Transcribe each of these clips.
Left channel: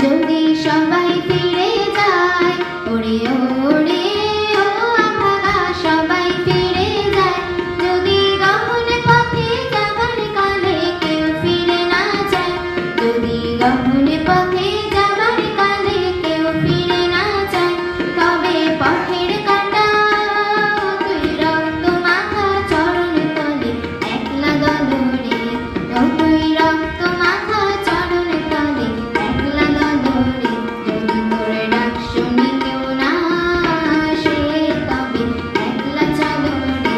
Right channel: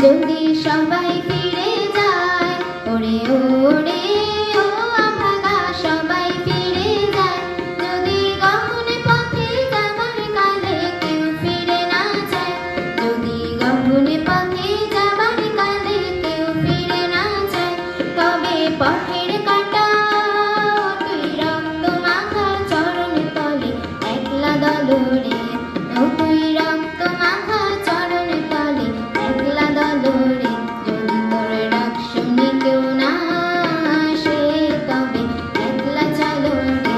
যদি সবাই ফিরে যায় ওরে ওরে ও আমরা সবাই ফিরে যায় যদি গহন পথে যাবার কালে কেউ ফিরে না যায় যদি গহন পথে যাবার কালে কেউ ফিরে না যায় তবে পথের কাঁটা তুই রক্ত মাখা চরণ তলে একলা দলরে তুই রক্ত মাখা চরণ তলে একলা দলরে যদি তোর ডাক শুনি কেউ না আসে তবে একলা চলো রে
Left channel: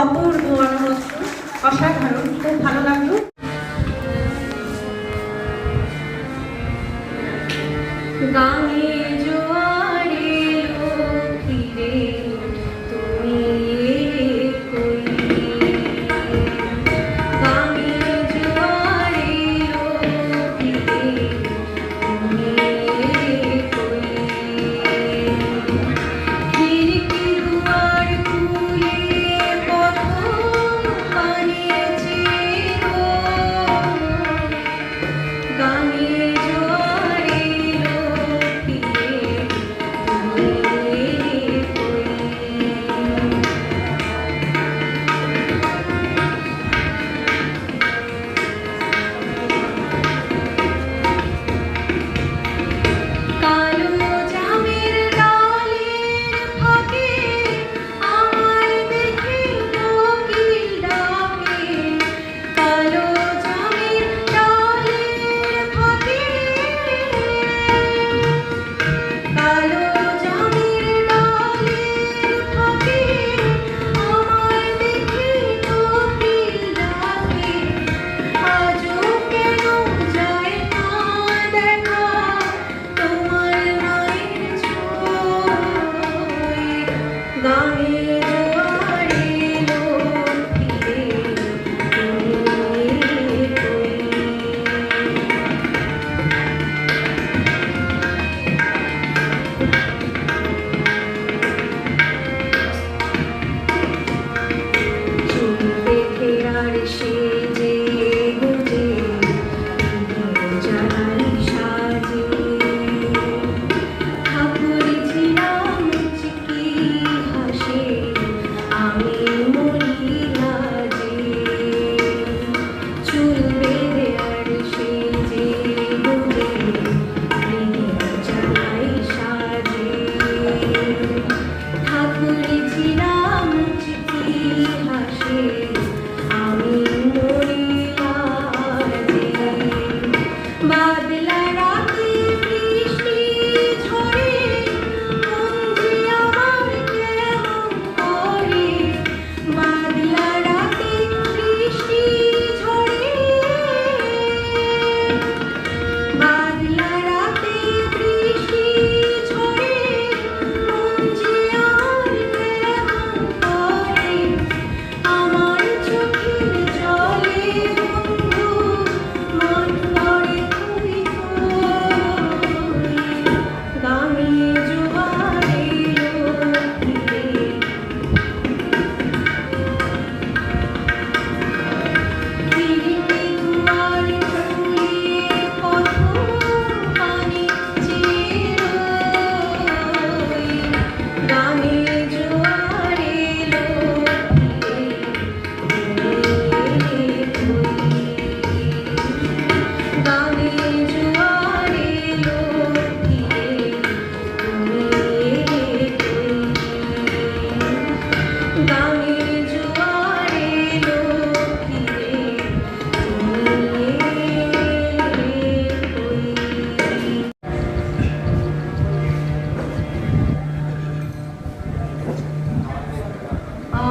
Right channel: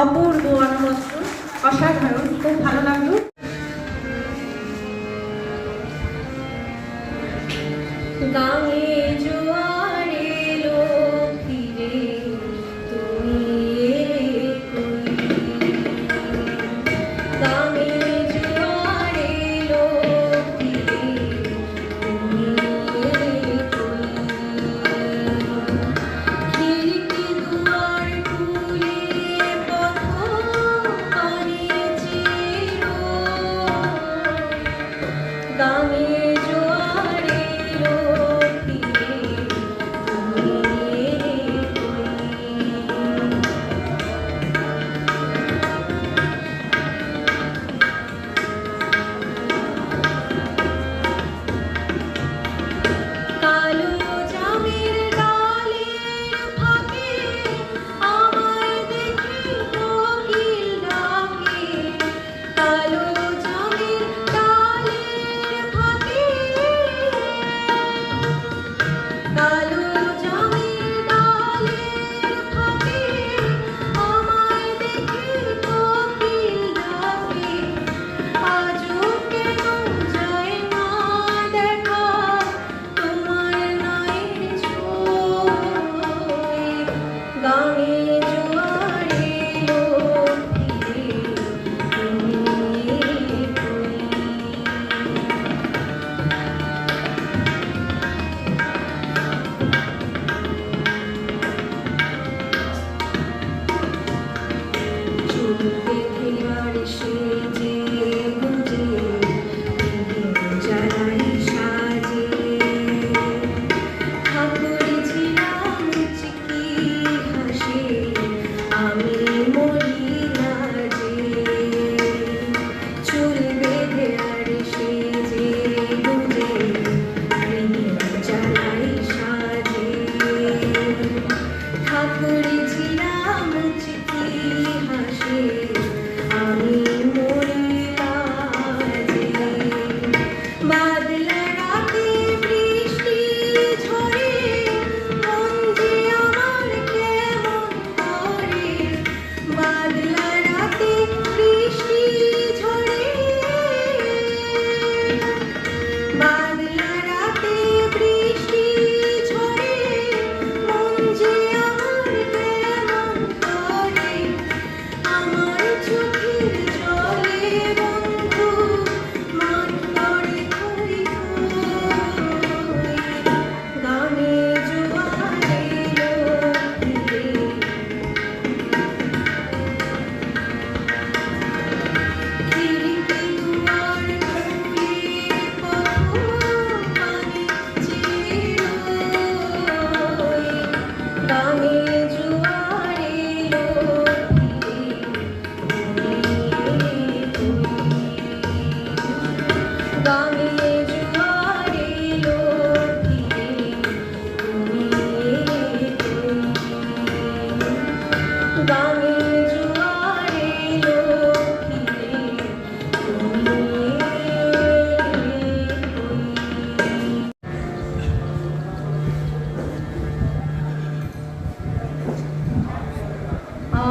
অপূর্ব মানবত্ব অসাধারণ, খুব ভালো লাগলো। গায়ে জোয়ারে এলো ফিরে তুমি কই গায়ে জোয়ারে এলো ফিরে তুমি কই খিড়কি দুয়ার খুলে পথ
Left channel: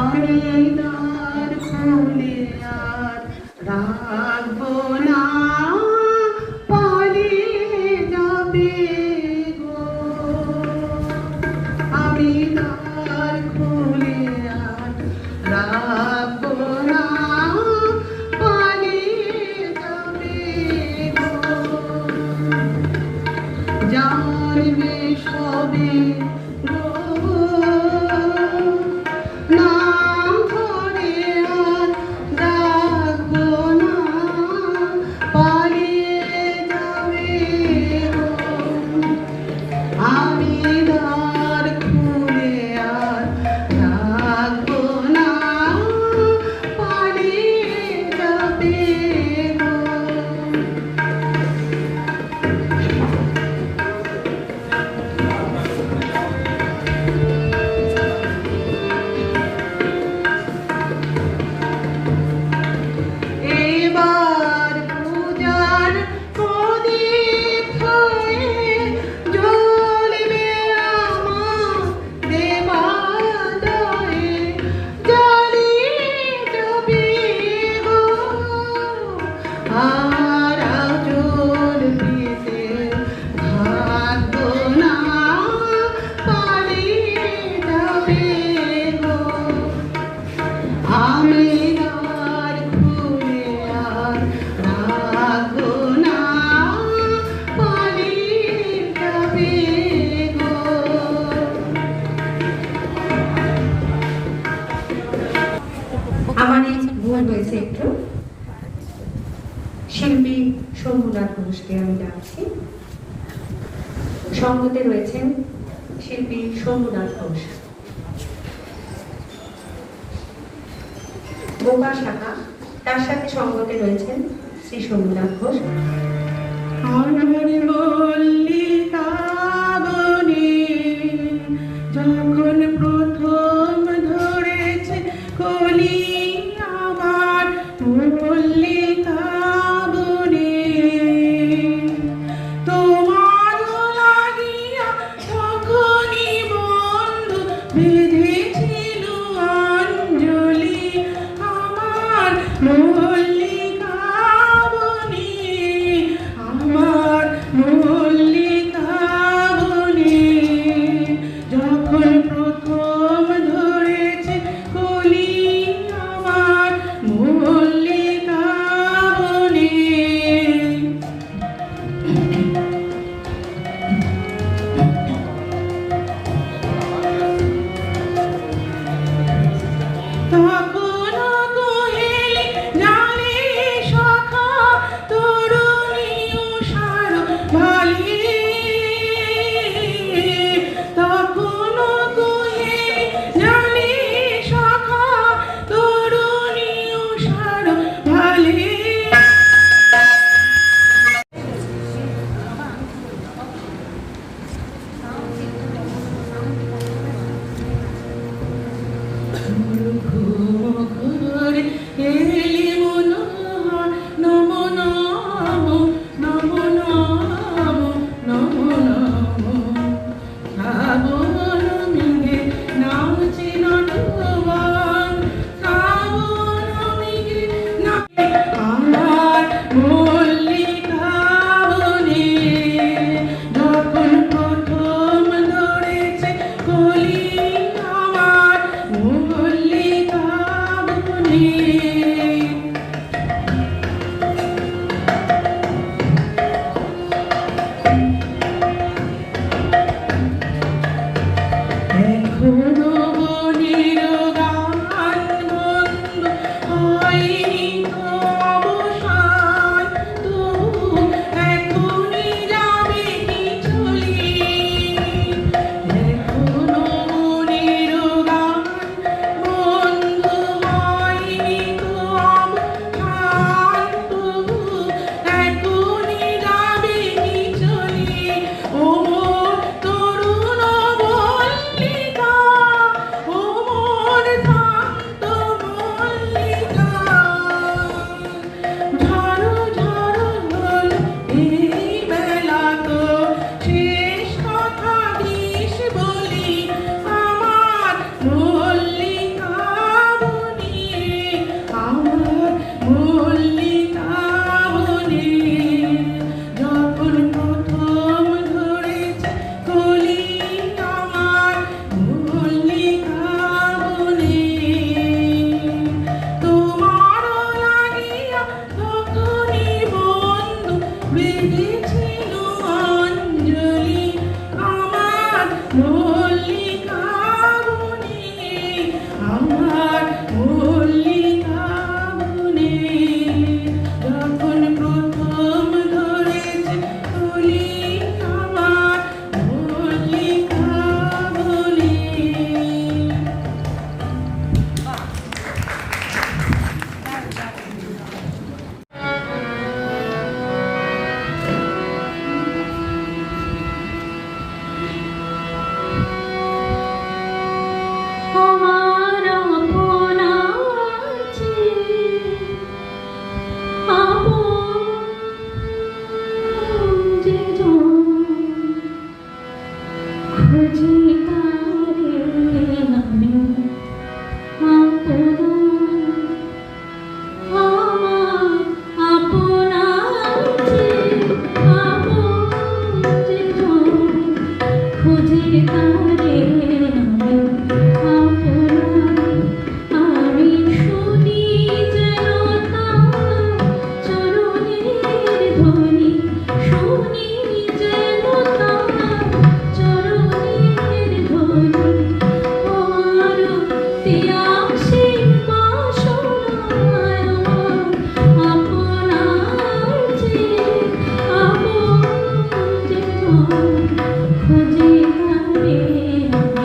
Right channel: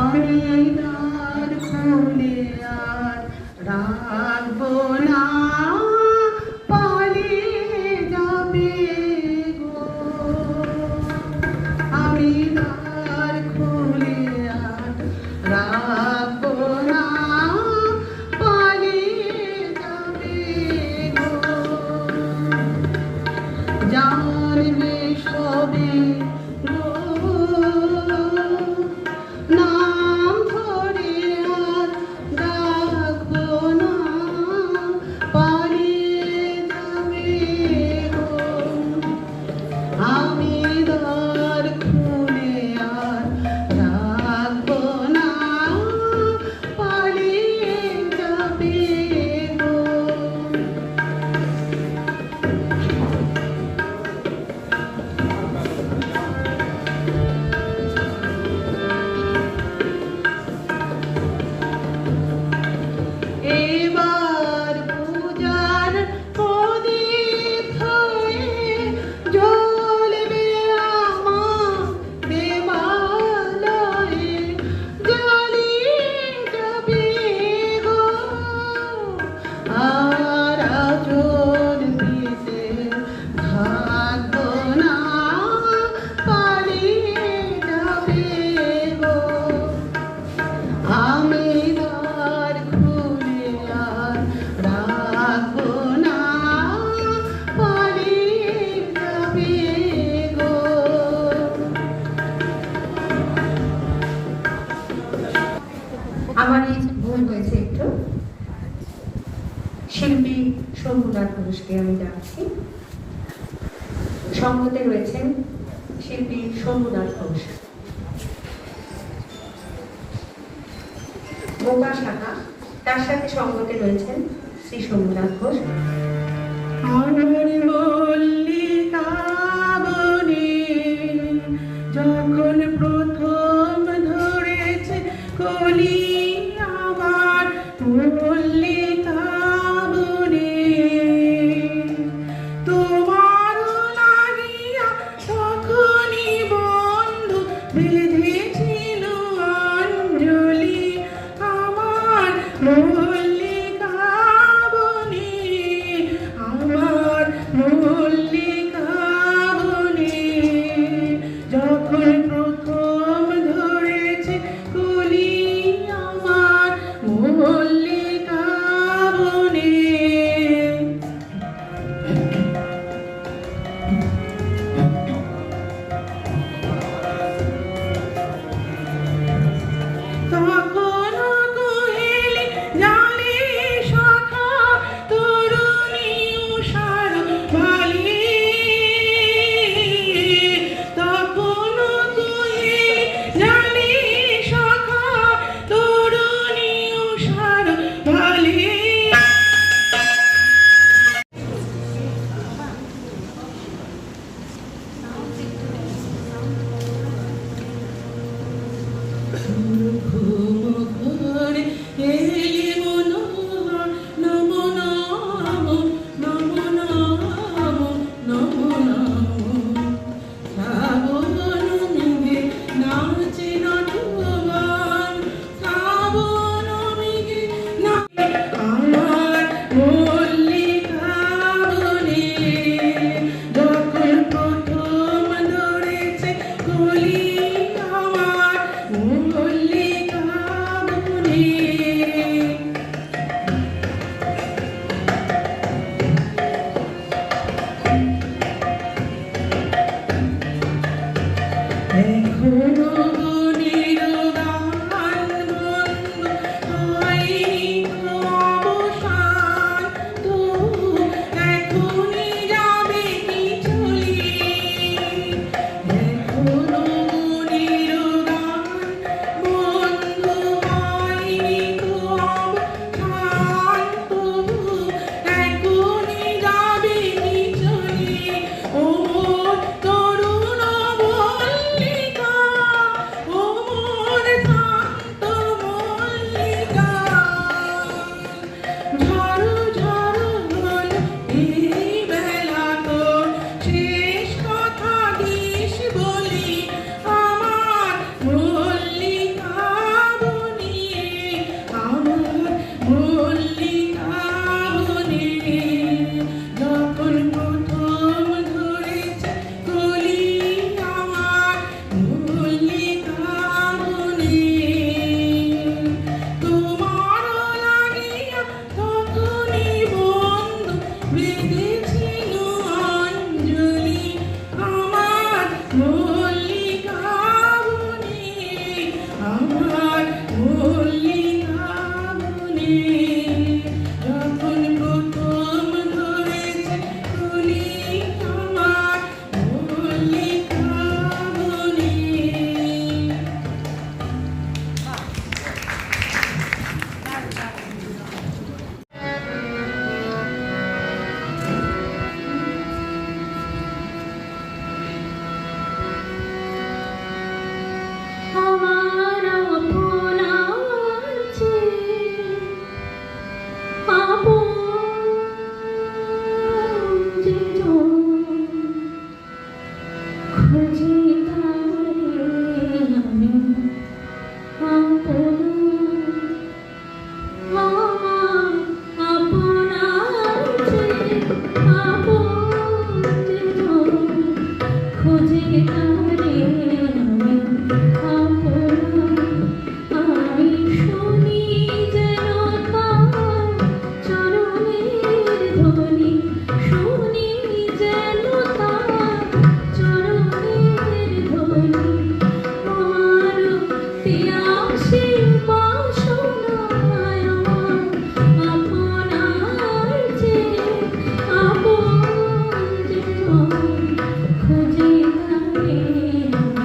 আমি দ্বার খুলে আর রাখবো না, পালিয়ে যাবে গো। আমি দ্বার খুলে আর রাখবো না, পালিয়ে যাবে গো। জানবে সবে গো, নাম ধরে আর ডাকবো না, পালিয়ে যাবে গো। আমি দ্বার খুলে আর রাখবো না, পালিয়ে যাবে গো। এবার পূজার প্রদীপ হয়ে জ্বলবে আমার দেবালয়ে, জ্বালিয়ে যাবে গো। আর আঁচল পেতে থাকবো না, পালিয়ে যাবে গো। আমি দ্বার খুলে আর রাখবো না, পালিয়ে যাবে গো। আমার ভুল হয়েছে একটু। শিল্পী শম্ভুদার ঘোষকে আমি ডাকছি। সঙ্গতে রয়েছেন শিল্পী শম্ভুদার ঘোষ। বোকা শাখা, তার সাথে সঙ্গতে রয়েছেন শ্রী শম্ভুদার ঘোষ। আমার মল্লিকা বনে যখন প্রথম ধরেছে কলি, আমার মল্লিকা বনে তোমার লাগিয়া তখনই বন্ধু বেঁধেছিল অঞ্জলি, আমার মল্লিকা বনে, আমার মল্লিকা বনে যখন প্রথম ধরেছে কলি, আমার মল্লিকা বনে। মল্লিকা বনে, আমার মল্লিকা বনে। যখন প্রথম ধরেছে কলি আমার মল্লিকা বনে। আমার আপন আছে, আপন যেজন, খুঁজি তারে আমি আপন। আমার আপন আছে, আপন যেজন, খুঁজি তারে আমি আপন। আমি শুনি যেন তার চরণের ধ্বনি, শুনি যেন তার চরণের ধ্বনি। আমার পিয়াসী বাসনায় আমার আপন আছে, আপন যেজন, খুঁজি তারে আমি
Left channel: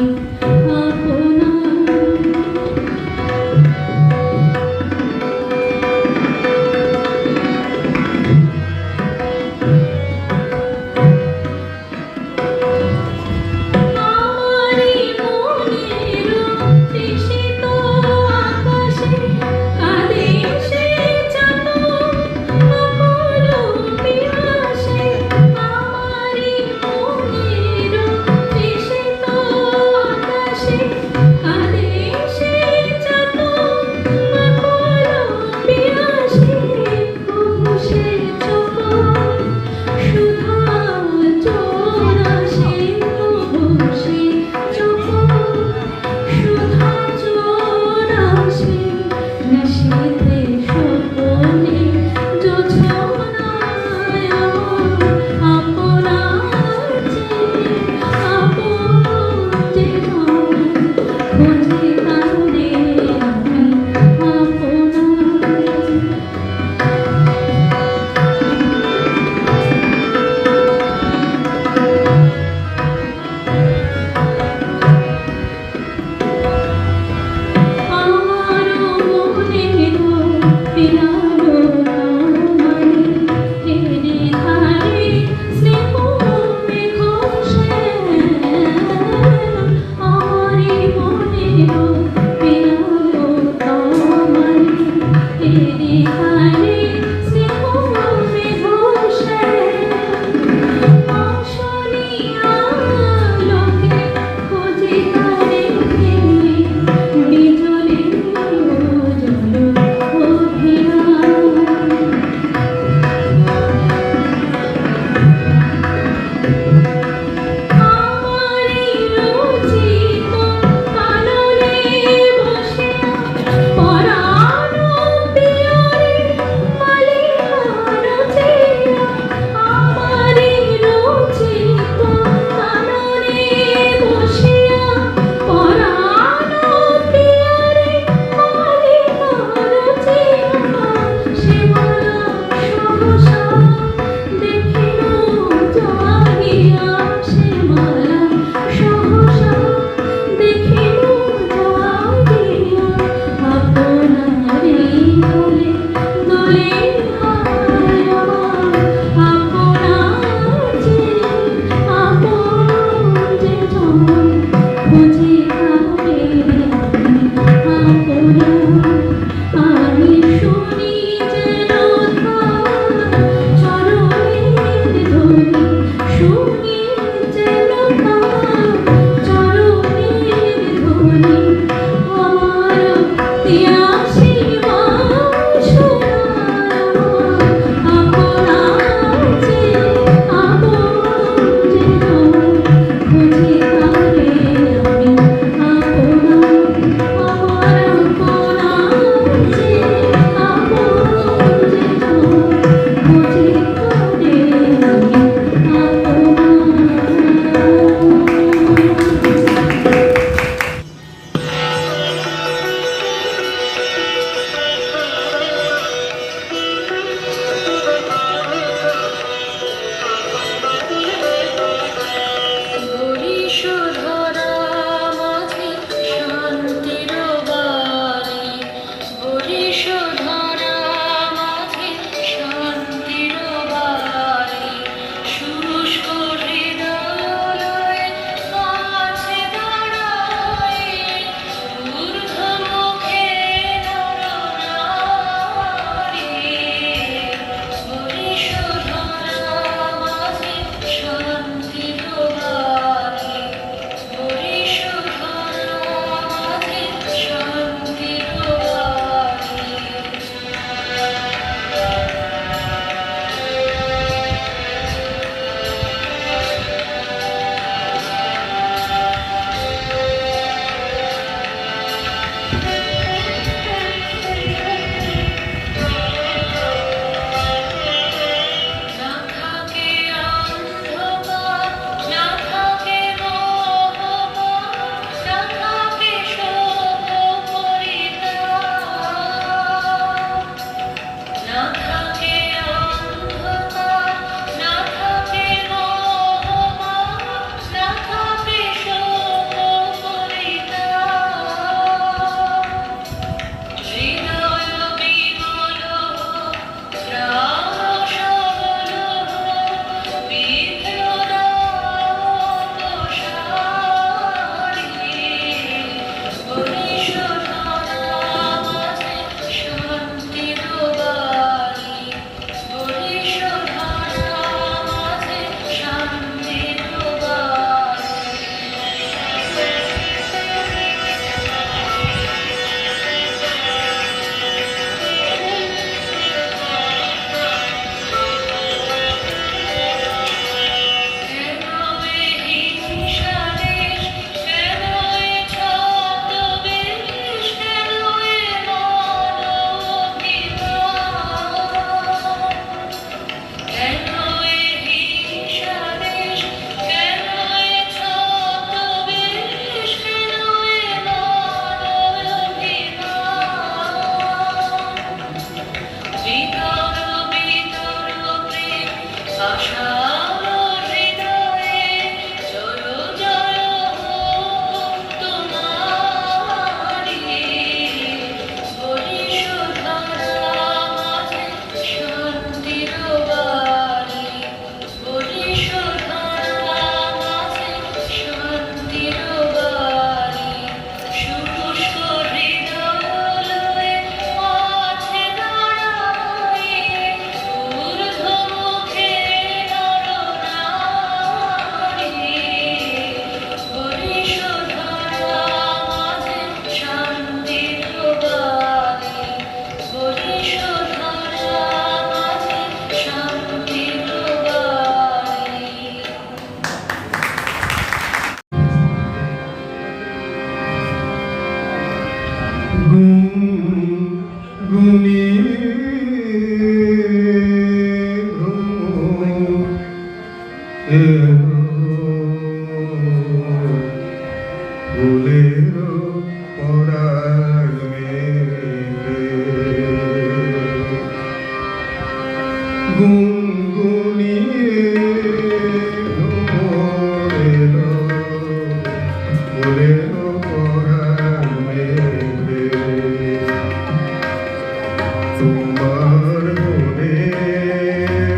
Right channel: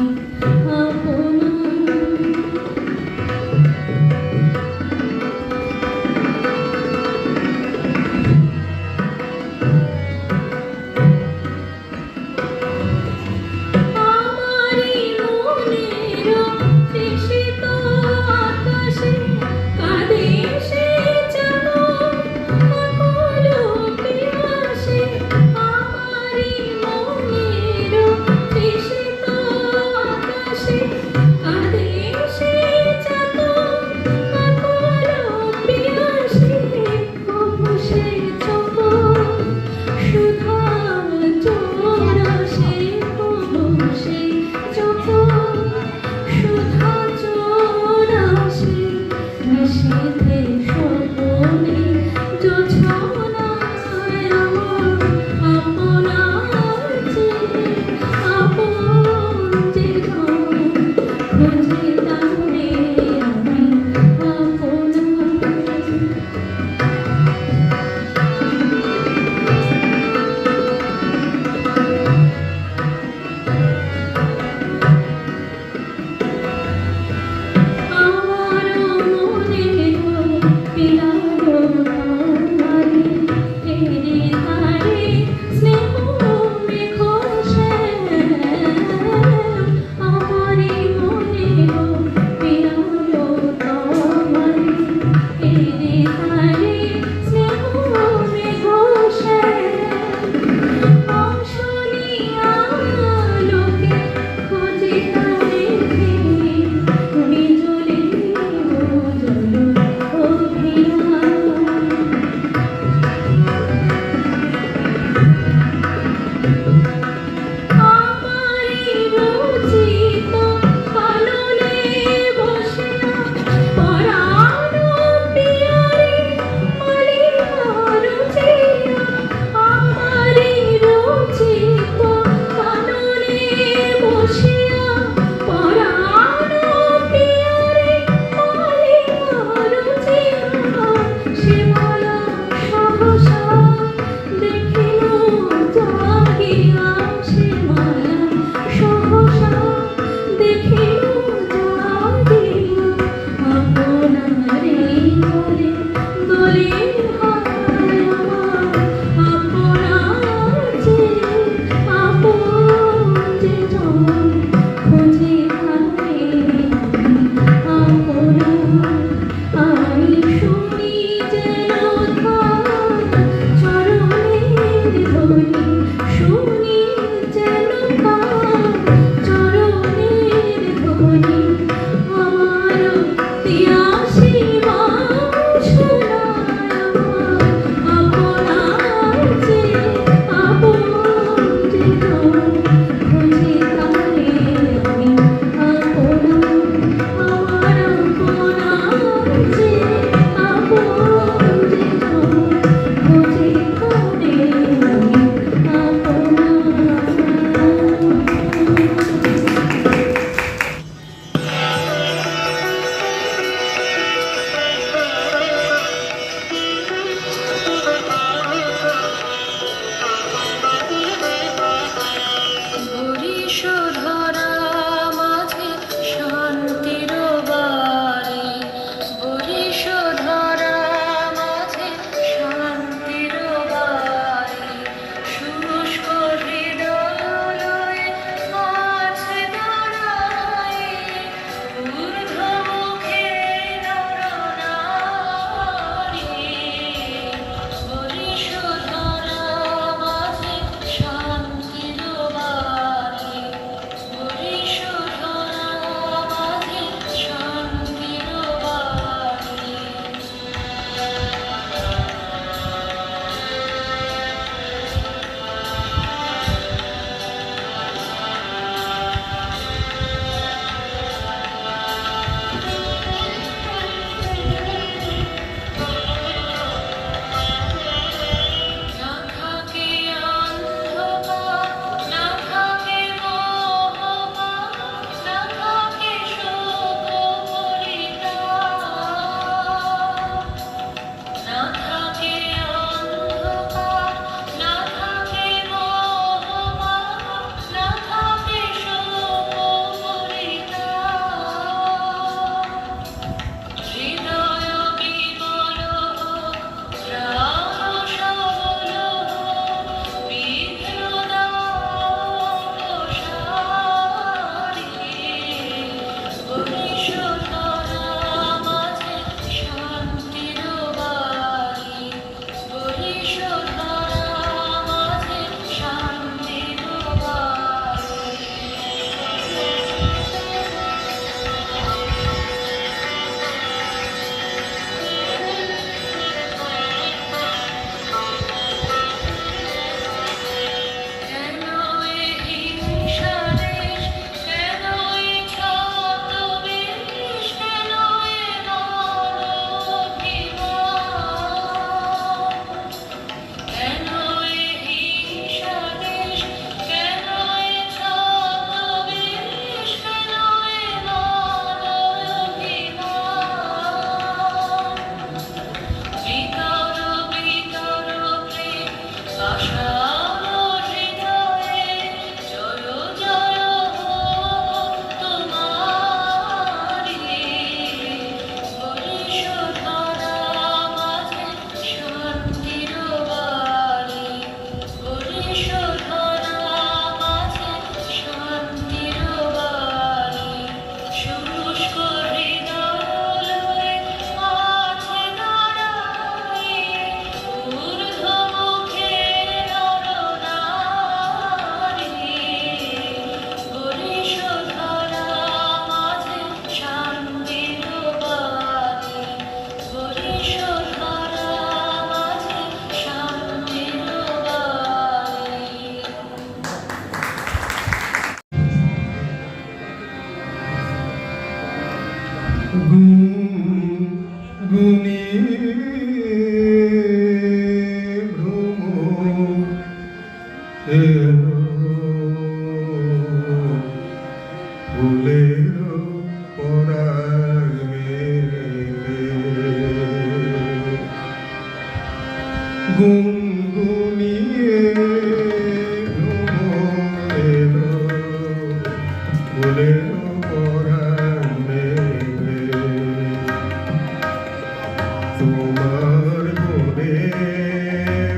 তোমার মনে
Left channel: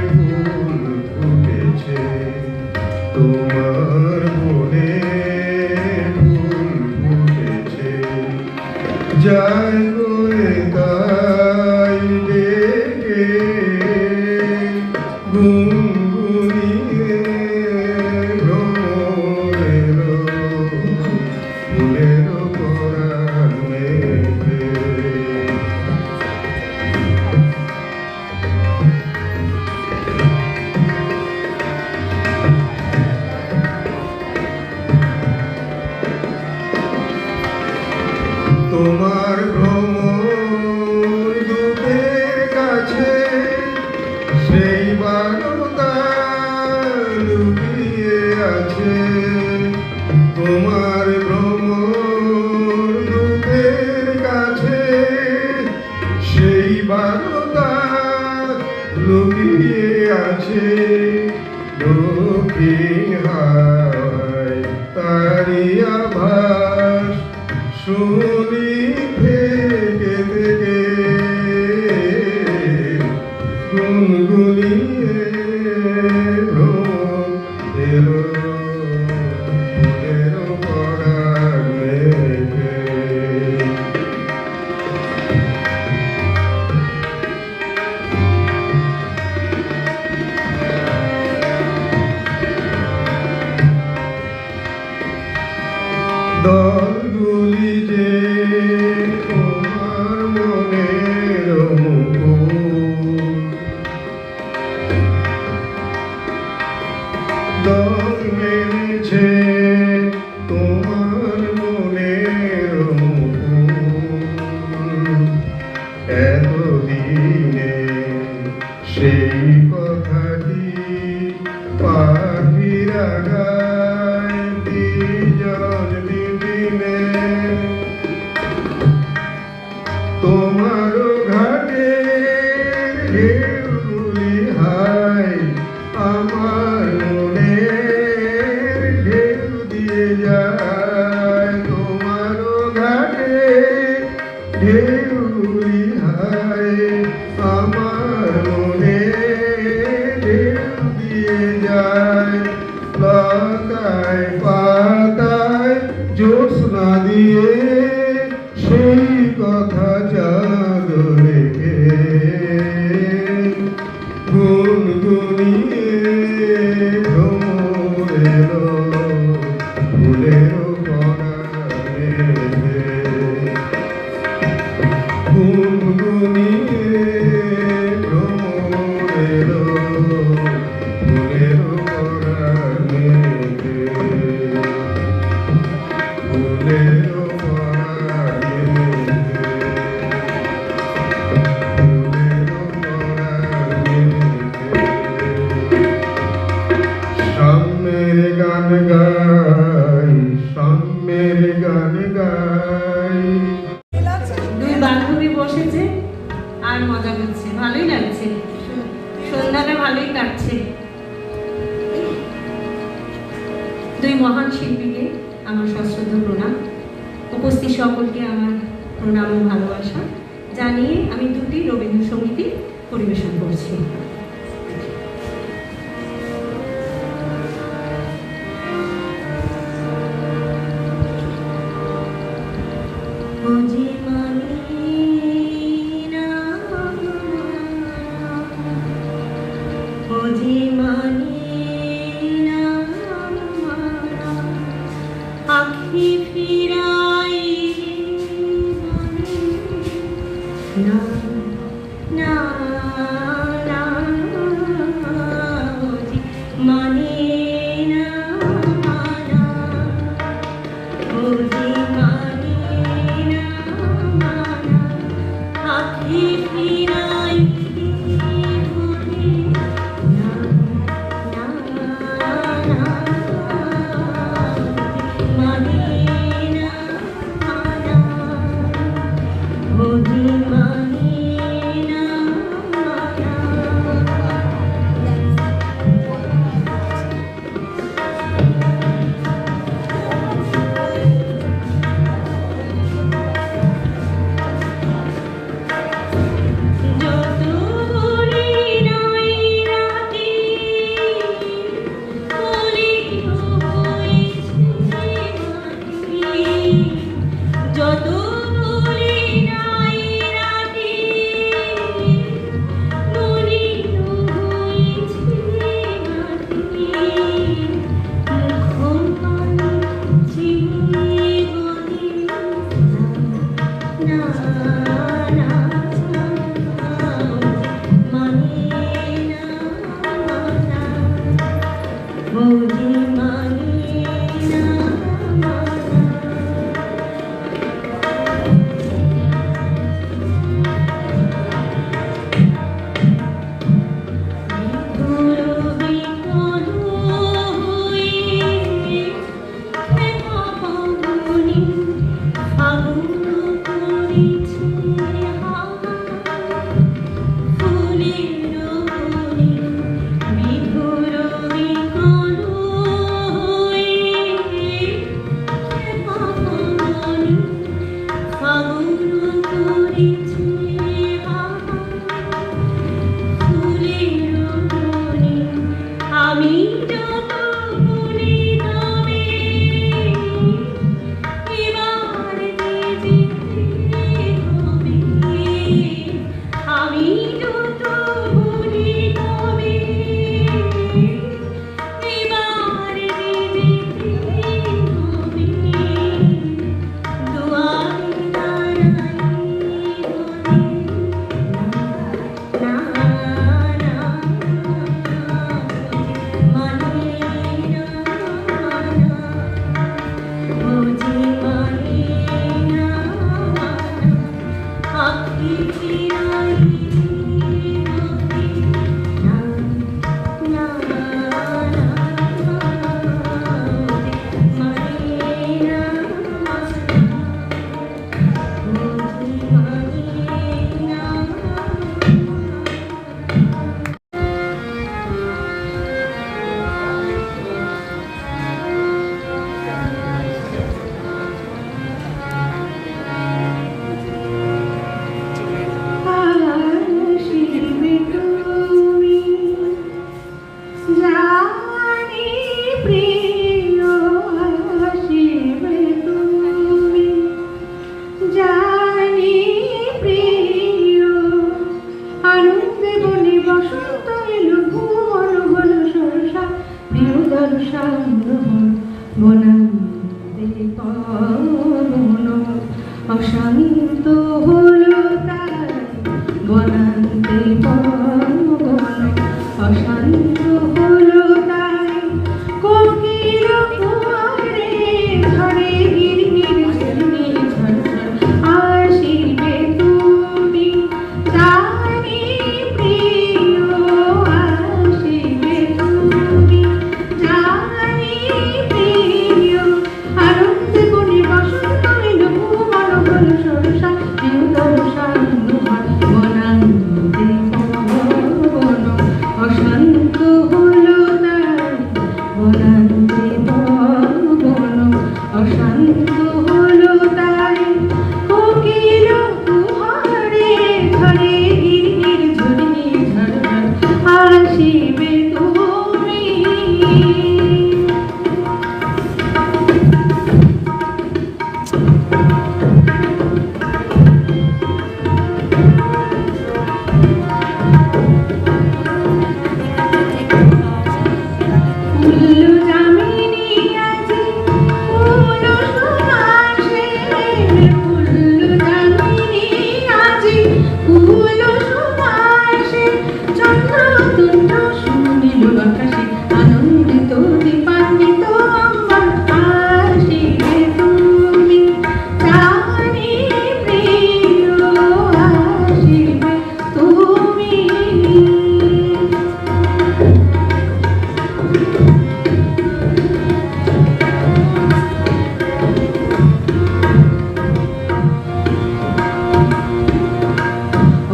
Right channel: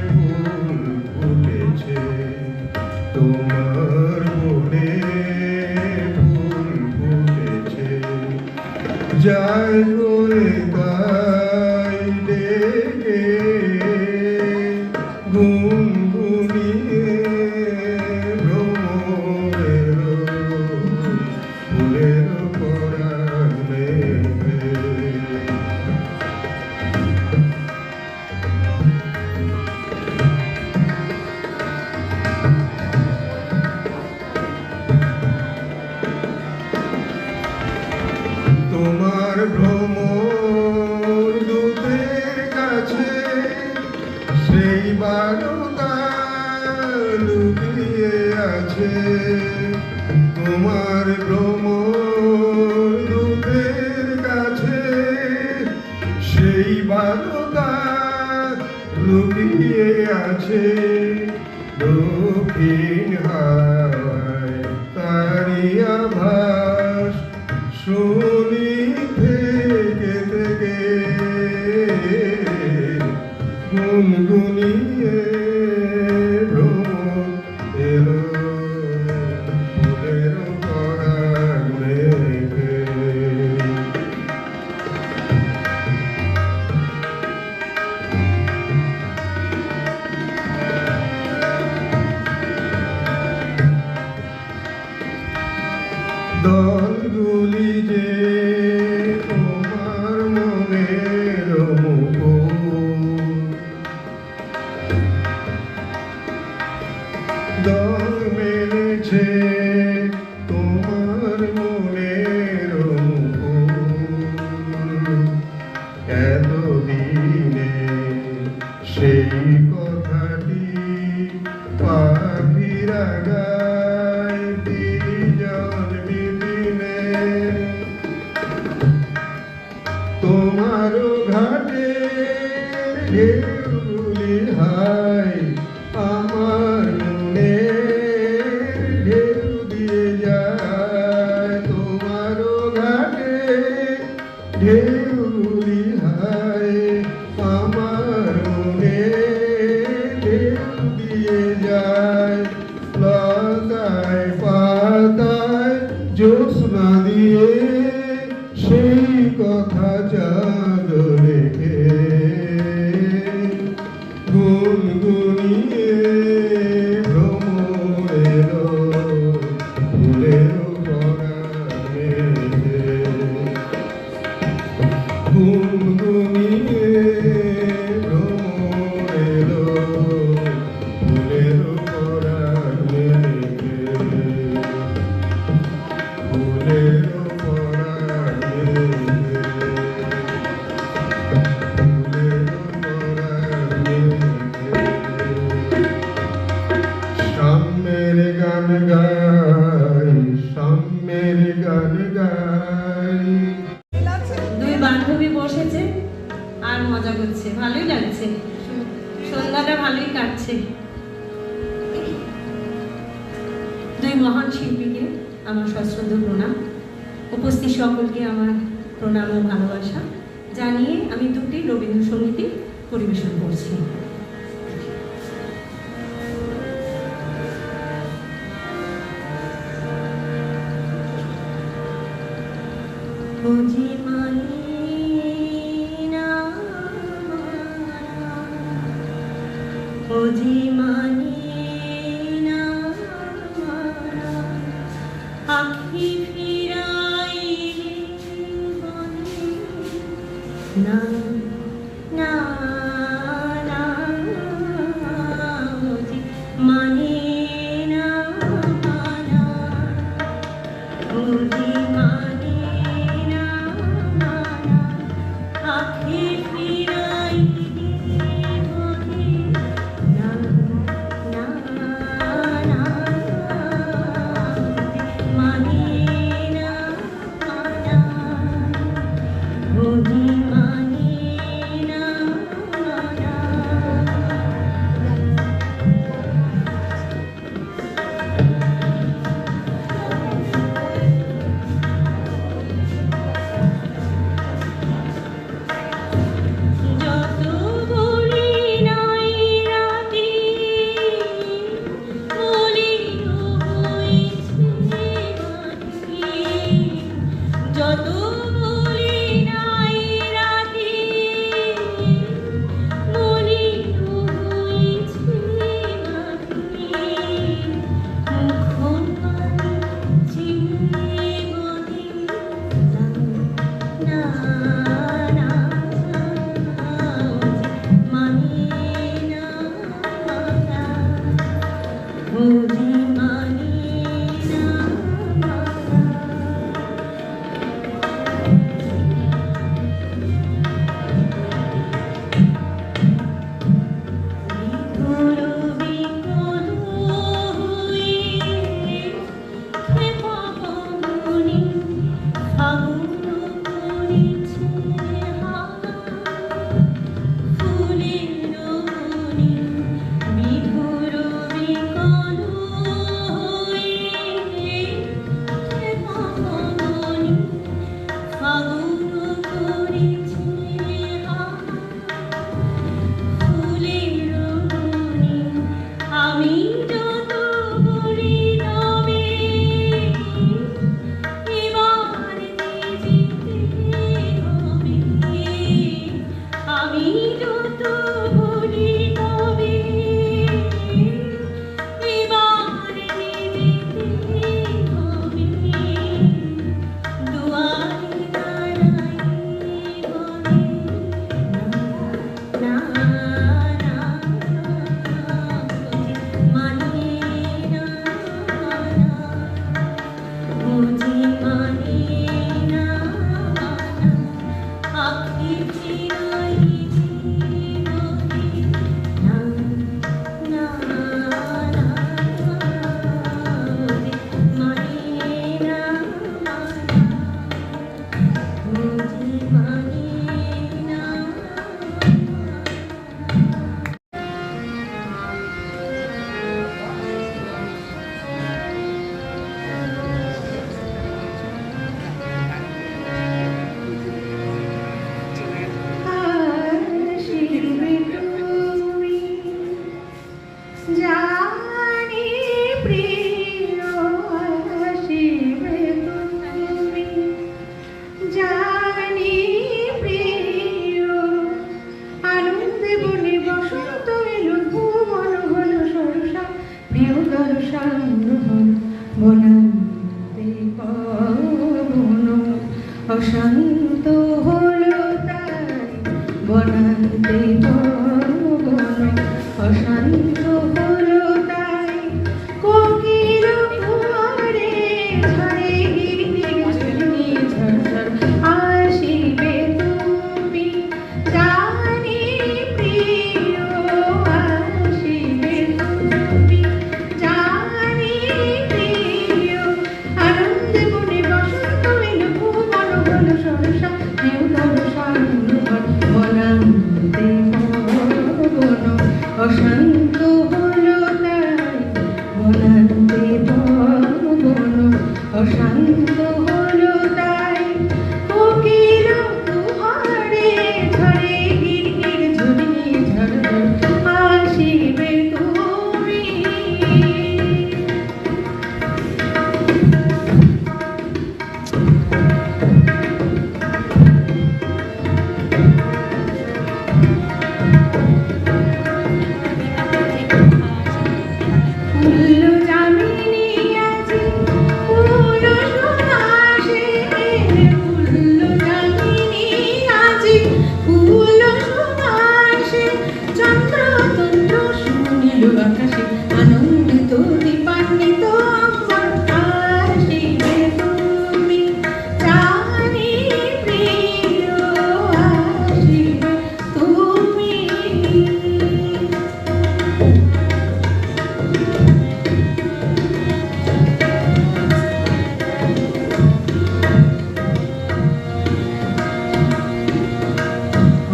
ফুল ফুটেছে, তোমার মনে ফুল ফুটেছে, যাই করে তাই ডেকে গুনগুনিয়ে ভ্রমরের ফুলের পরাণে। তোমার ভ্রমর দূতের কাছে সেই বারতা লুকিয়ে আছে, তোমার ভ্রমর দূতের কাছে সেই বারতা লুকিয়ে আছে। দক্ষিণ হাওয়ায় তারি আভাস শুনি থেকে থেকে গুনগুনিয়ে ভ্রমর এলো ফুলের পরাণে। দলগুলি যে তোমার মনের মুকুট, দল মেলেছে তোমার মনের মুকুট, এতদিনে সেই কথাটি পাখিরা গায় বিজন বিপিনে। তোমার ঘাটে ঢেউগুলি হায় আমার মনে ঢেউ দিয়ে যায়, তোমার ঘাটে ঢেউগুলি হায় আমার মনে ঢেউ দিয়ে যায়। লতায় পাতায় জ্যোৎস্না দিয়ে সেই কথা চাঁদ রেখে গুনগুনিয়ে ভ্রমর এলো ফুলের পরাণে। গুনগুনিয়ে ভ্রমর এলো ফুলের পরাণে। ফুলের পরাণে, ফুলের পরাণে। সাম্যের গান গাই, সাম্যের গান গাই। দুই বান্ধবী বসেছে আর মজা করছে, ভালোই লাগছে, সন্ধ্যাটা ভালোই কাটছে। দুই মহান শিল্পীকে আমার সশ্রদ্ধ প্রণাম, উপস্থিত সকলকে আমার প্রণাম ও ভালোবাসা জানিয়ে আমি দুটি রবীন্দ্রসঙ্গীত পরিবেশন করছি। বুঝি মানি না, বুঝি মানি না, আখি ফিরাই না, না, না, বুঝি মানি না, না, বুঝি মানি না, না, বন অশান্ত হলো তাই বনান্তে বন অশান্ত হলো তাই কোকিল কুয়ারে ঝরে গিরগির ঝিরমি ঝরঝর আসিবে তুমি জানি প্রিয় আসিবে তুমি জানি প্রিয় আনন্দে মনে বসন্ত এলো ভুবন হলো সরসা প্রিয় দর্শা বনান্তে বন অশান্ত হলো তাই বনান্তে বন অশান্ত হলো তাই কোকিল কুহারে ঝরে গিরগির ঝুরনি ঝরঝর আসিবে তুমি ফুল্ল যামিনী আছে ফুল সুবাসে ফুল্ল যামিনী আছে ফুল সুবাসে চন্দ্র তুন্দ্র সুনীল আকাশে আনন্দিত দীপান্বিত অম্বর আসিবে তুমি জানি প্রিয় আসিবে তুমি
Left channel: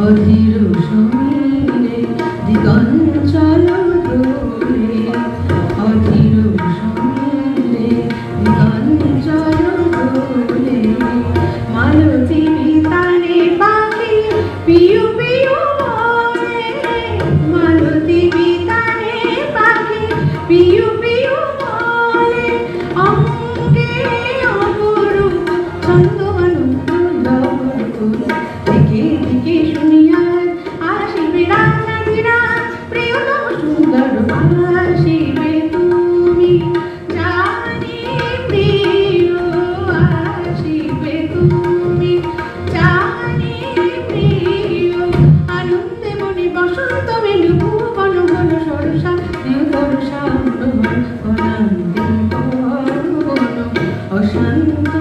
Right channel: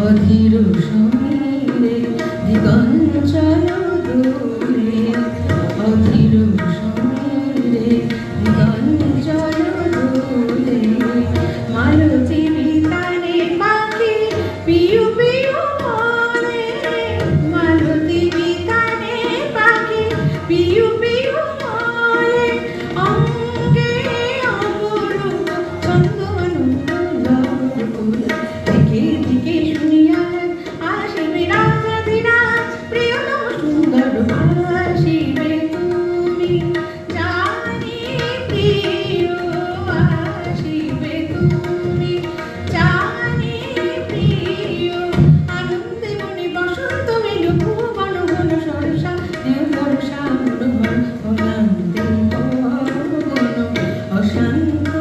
অধীর সমীরে দিগঞ্চল দোলে অধীর সমীরে দিগঞ্চল দোলে মালতী বিতানে পাখি পিউ পিউ বলে মালতী বিতানে পাখি পিউ পিউ বলে অঙ্গে অপরূপ ছন্দ আনন্দ লহর দিকে দিকে শুনিয়া আসিবে রাঙানিরা প্রিয়তম সুন্দর আসিবে তুমি জানি প্রিয় আসিবে তুমি জানি প্রিয় আনন্দে মনে বসন্ত মেলু ভুবন হলো সরসা প্রিয় দর্শা বনান্তে বন অশান্ত